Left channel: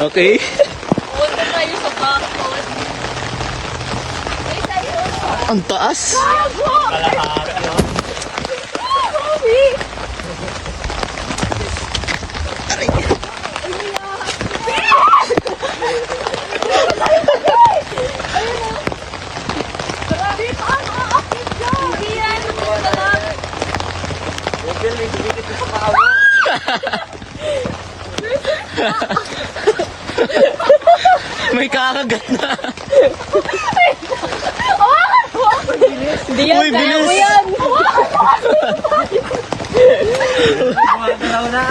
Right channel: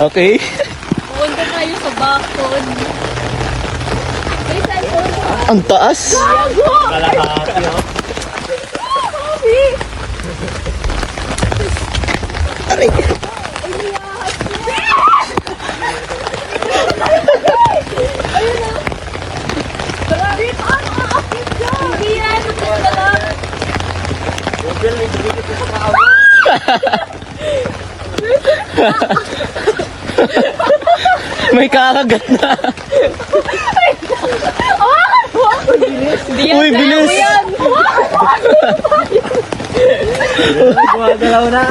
Okay. Ang taas. Aray. May kakagat na. Uy, bilis. Gumagalaw na.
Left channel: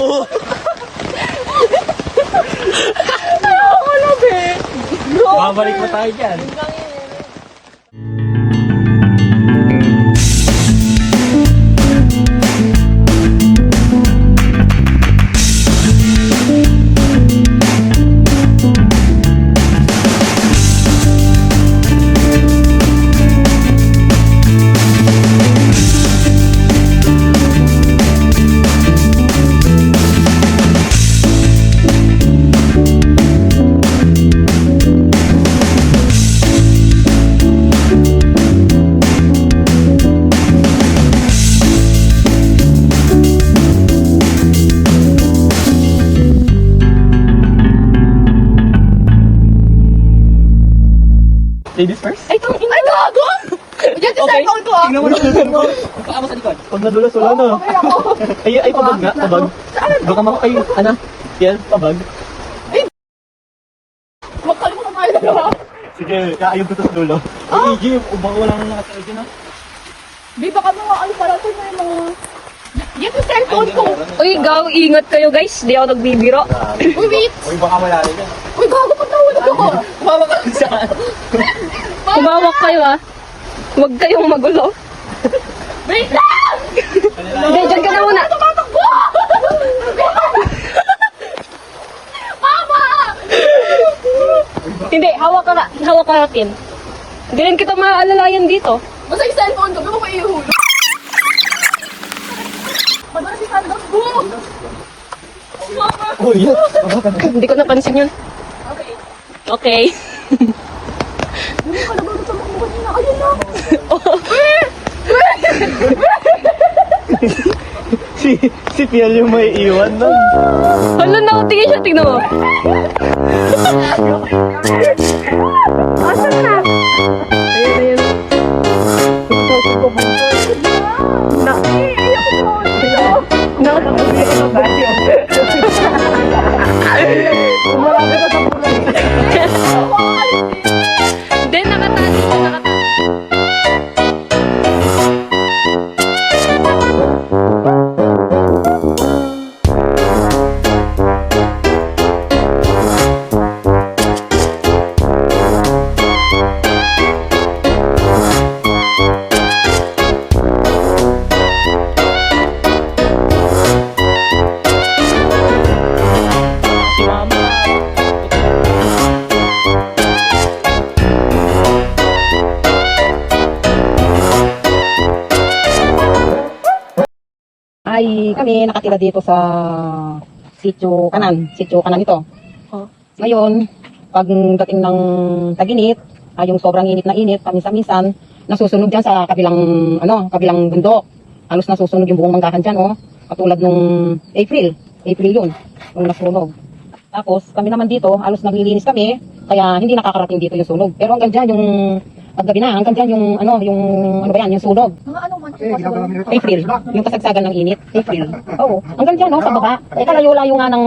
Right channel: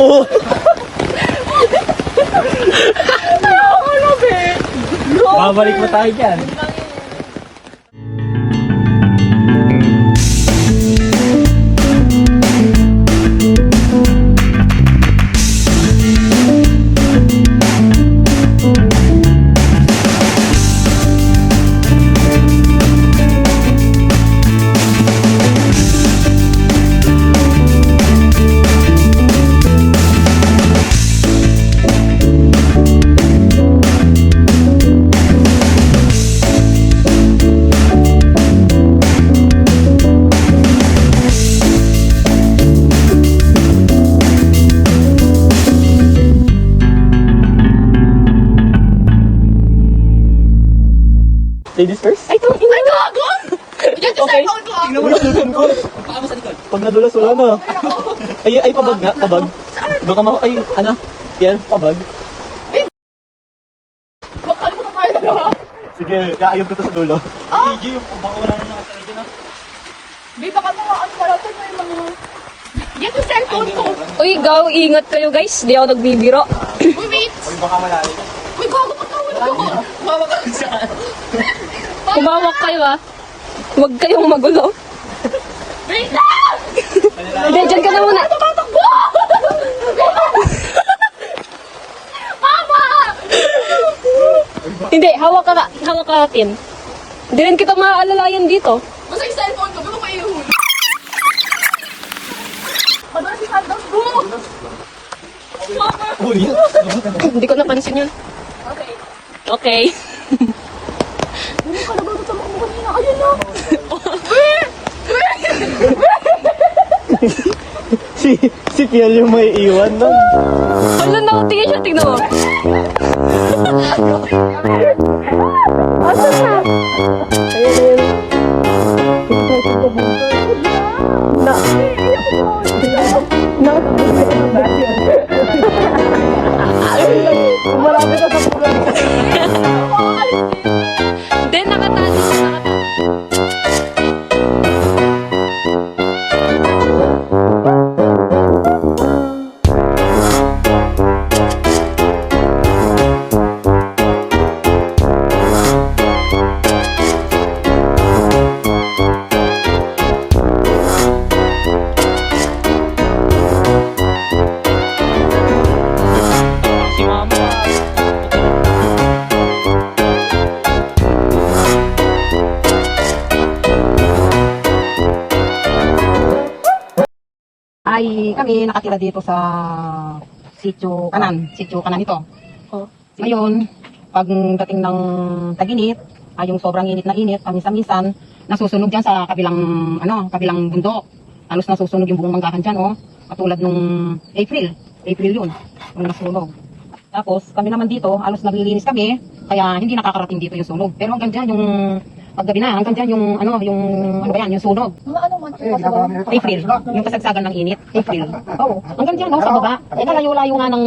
Oh. Babalik pa tayo dyan. Ladies first? Ay, ito! Ay, gagon! Okay. Tingnan mo na kung ko. Paa mo sa likod. Pag nadulas wala na. Ay, pabag nga, pabag. Baka mo, ay, ano? Yan, pabag. Sige, kaayog ko to sa dulo. Gigi, ubaw lang nga. Di ba kami mga alparatan na yung mga... Yan yung cellphone ko. Uy, gaw, ingat kayo guys. Di ako nagbibiro. Uy, wait! Uy, baka wala rin yan. Uy, gago pa tawag ako. Kumawak kayo ah. Huwag kayong magulo. Wait lang! Hindi, dyan ka na muna. Mama! Hindi, hawak ka natin. Hindi rin kita maaalalayan dito. Basta yung cellphone ko, bago kayo. Pagkakasi sandals mo! Uy, Hindi ko napansin yun. Okay. si Piel yung may iwan doon. Ano na? Tingnan mo. Asan na? Ayun. Hindi, nakatali. Ay kami nakatira dito sa Sitio Kanan ito. Ngayon, pagdating ng tag-init, ay yung sobrang init na init, paminsan-minsan, nasusunog dyan sa kabilang bundok. Halos nasusunog yung buong manggahan dyan, oh. Katulad nung April yun, nung nasunog. Tapos, kami naman dito, halos naglilinis kami, kaya hindi nakakarating dito yung sunog. Pero hanggang dyan yung paggabi na, hanggang dyan yung yung sunog. April, yung kasagsagan ng init, April. Oo, hanggang dyan, no, sa baba. Kalayo-layo nga ng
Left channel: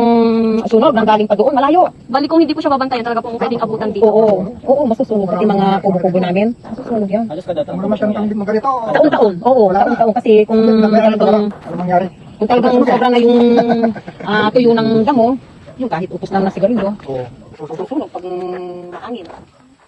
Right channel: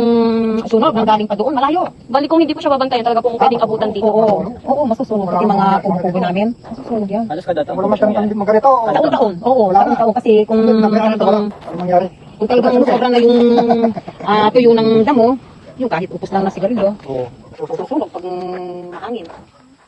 sunog, nang galing pa doon, malayo. Bali kung hindi po siya babantayan, talaga po pwedeng abutan dito. Oo, masusunog. Pati mga kubo-kubo namin, masusunog yan. Halos ka data. Taon-taon, taon-taon kasi kung talagang sobrang na yung tuyo ng damo, yung kahit upos lang ng sigarilyo, susunog pag maangin.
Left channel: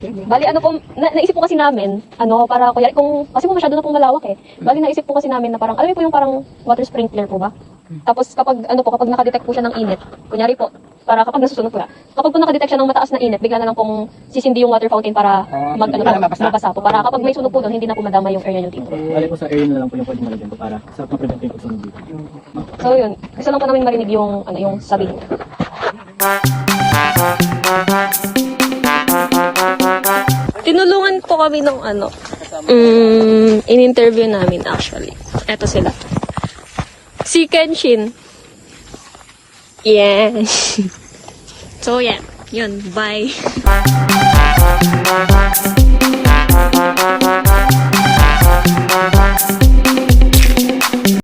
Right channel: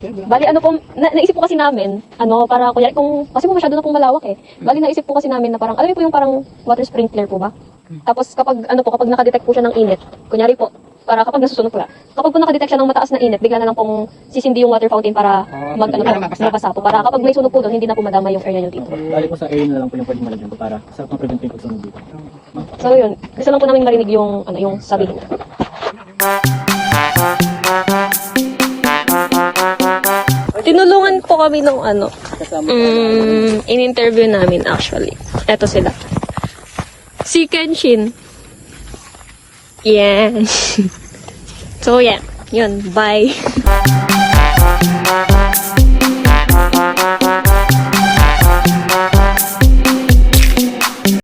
Bali ano po, naisip po kasi namin, para kuya, kasi po masyado na pong malawak eh. Bali naisip po kasi namin na parang, po yung parang water sprinkler po ba? Tapos kapag nakadetect po siya ng init, kunyari po, para kapag nasusunog po, kapag po nakadetect siya ng mataas na init, bigla na lang pong sisindi yung water fountain para mabasa po. Para kapag may sunog po doon, hindi na po madama yung area ng dito. Bali po sa air na lang po yung pwede nalagyan ko para sa preventive po sa dito. So yun, gusto lang po namin marinig yung, yung sabi niyo. Tinulungan po kami ng in-interview namin actually. Eto sila. Si Kenshin. Yan. So yeah, yun, bye.